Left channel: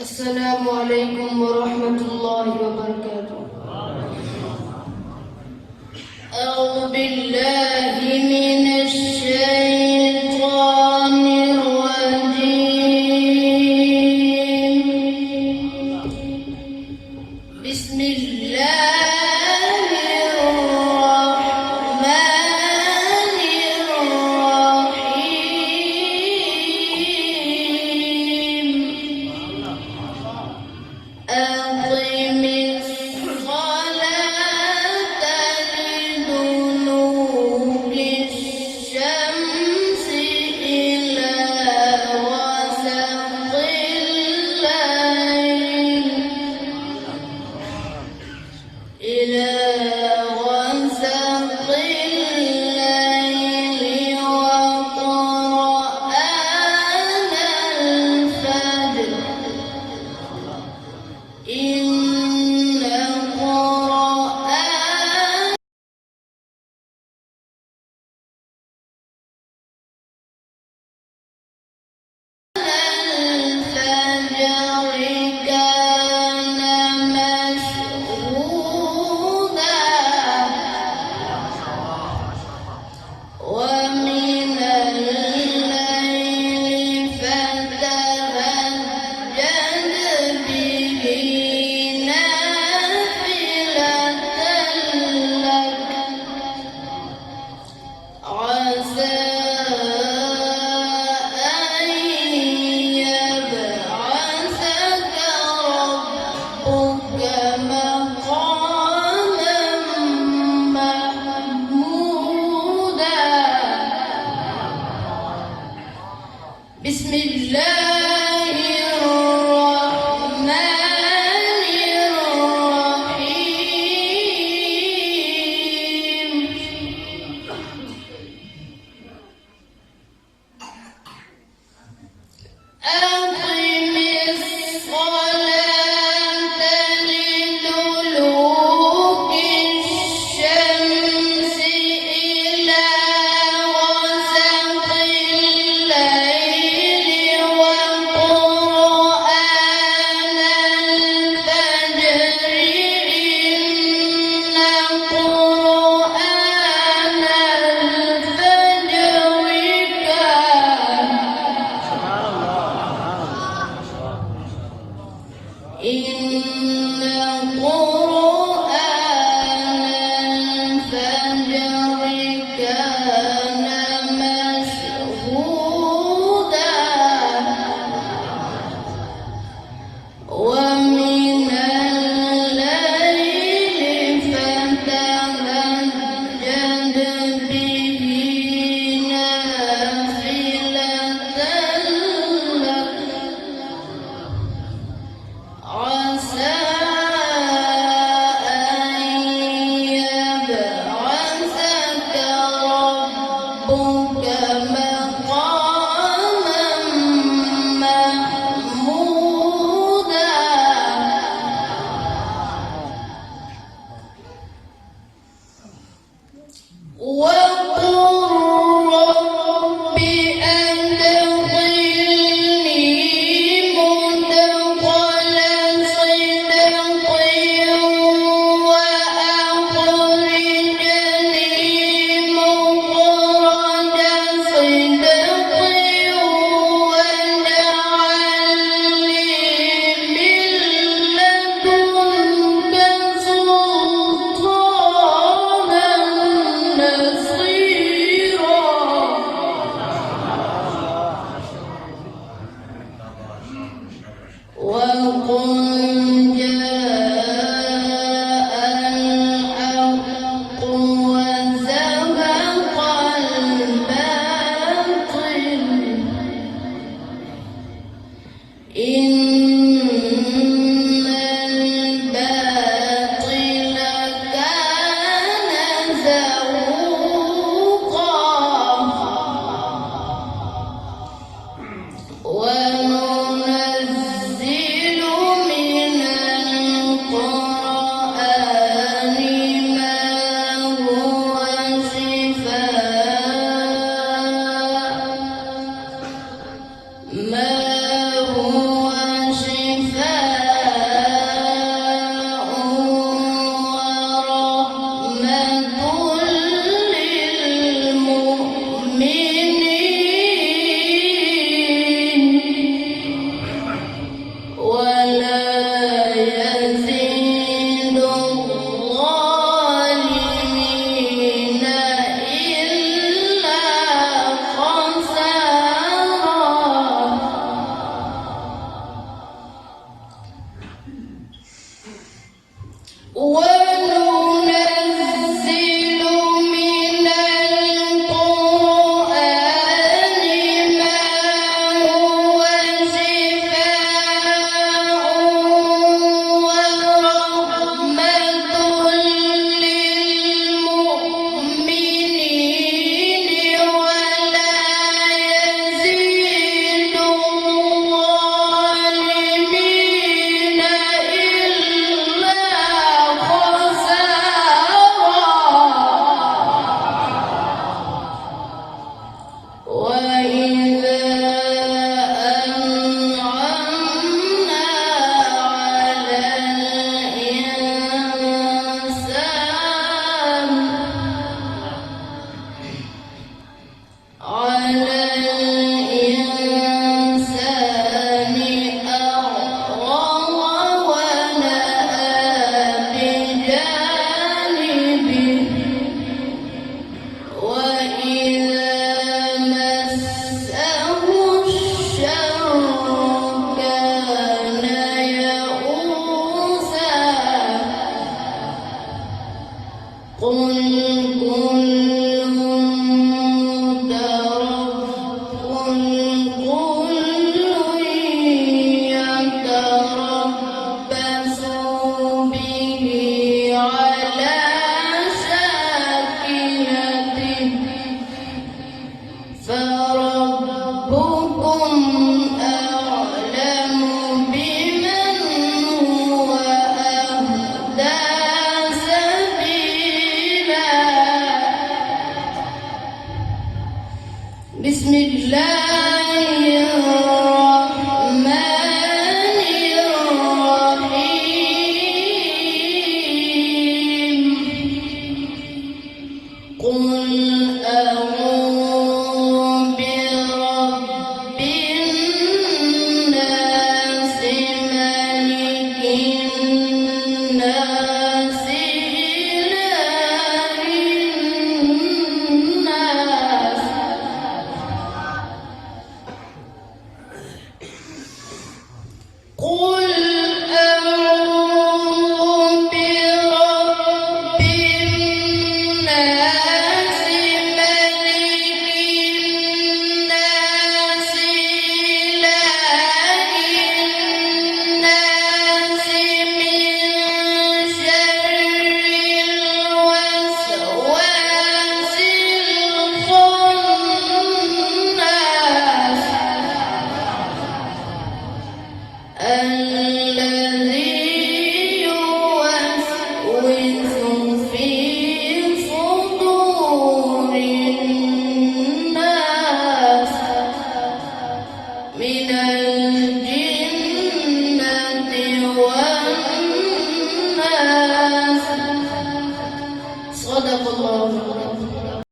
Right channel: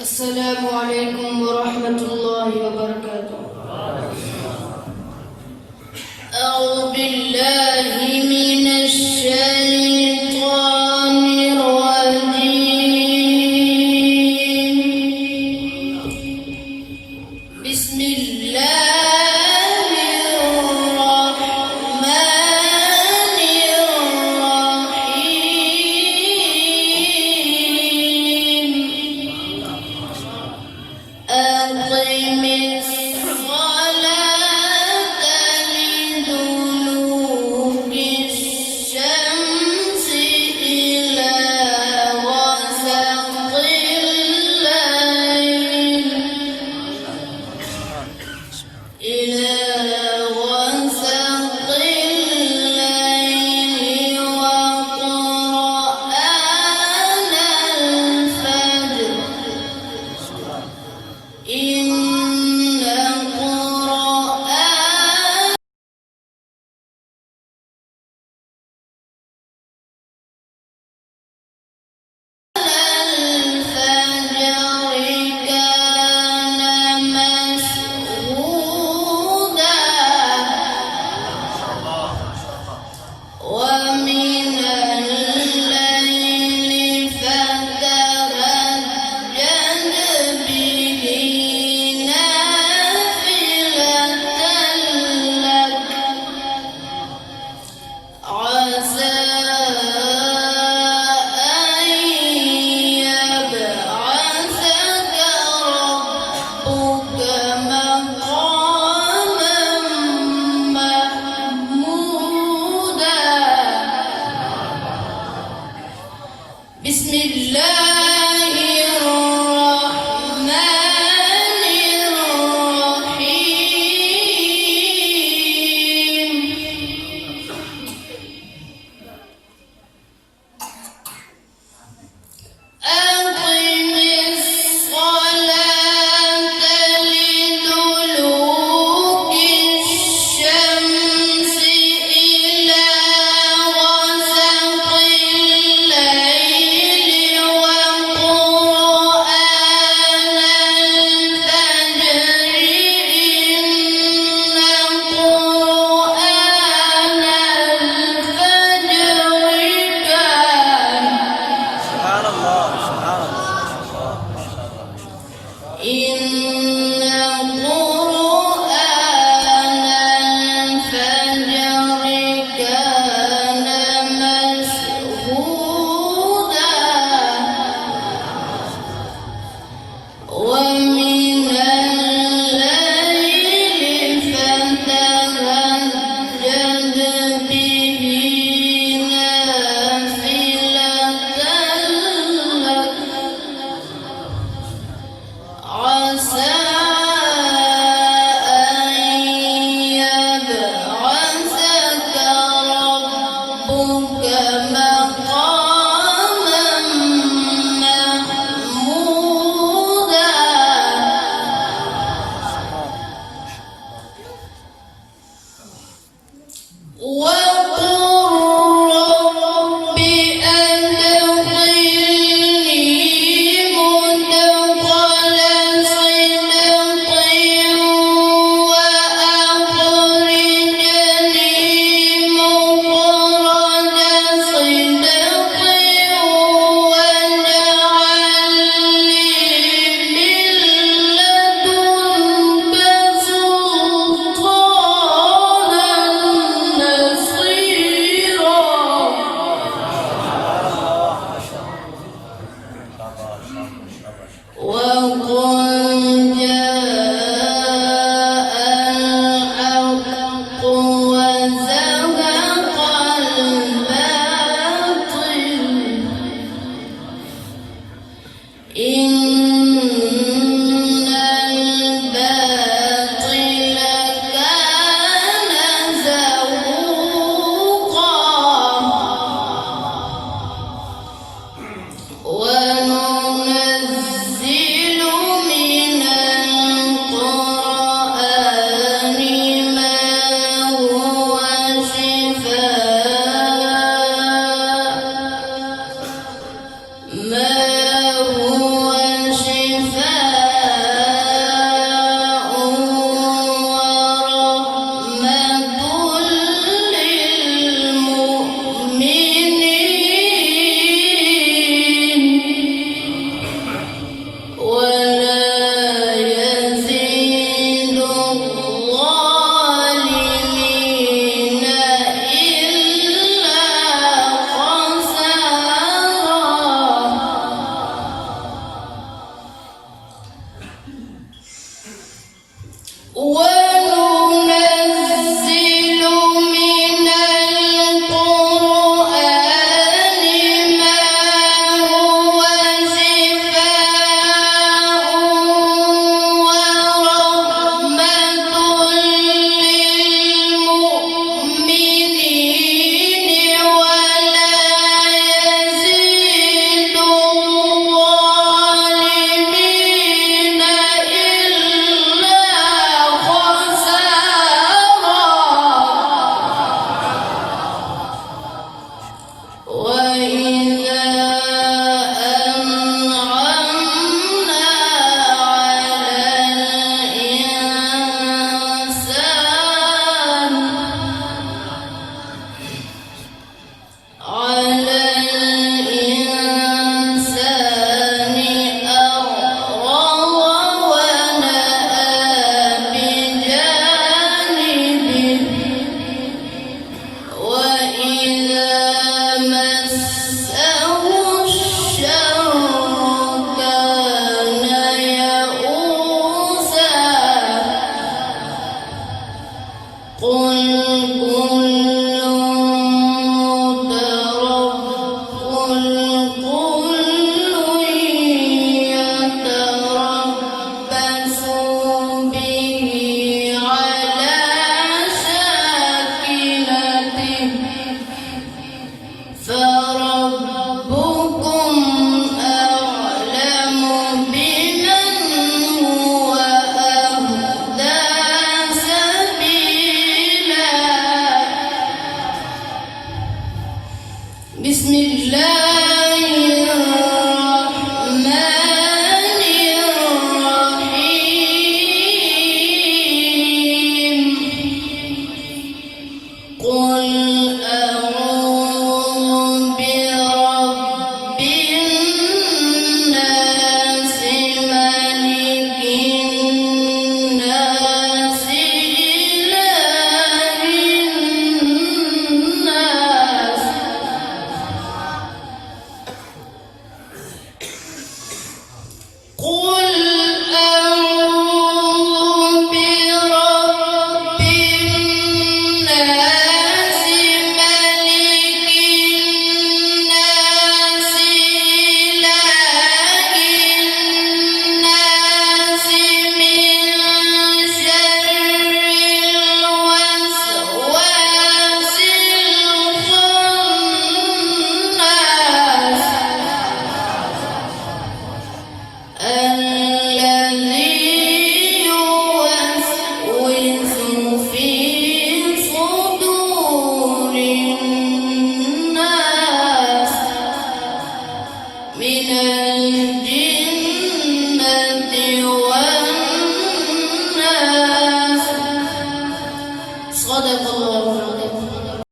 السلام عليكم ورحمة الله وبركاته. أعوذ بالله من الشيطان الرجيم. بسم الله الرحمن الرحيم. أقم الصلاة لدلوك الشمس إلى غسق الليل وقرآن الفجر إن قرآن الفجر كان مشهودا ومن الليل فتهجد به نافلة لك عسى أن يبعثك ربك مقاما محمودا. بسم الله الرحمن الرحيم. أقم الصلاة لدلوك الشمس إلى غسق الليل وقرآن الفجر إن قرآن الفجر كان إن قرآن الفجر كان مشهودا ومن الليل فتهجد به نافلة لك عسى أن يبعثك ربك مقاما محمودا. وقل رب أدخلني مدخل صدق وأخرجني مخرج صدق واجعل لي من لدنك سلطانا نصيرا. وقل جاء الحق وزهق الباطل إن الباطل كان زهوقا. وننزل من القرآن ما هو شفاء و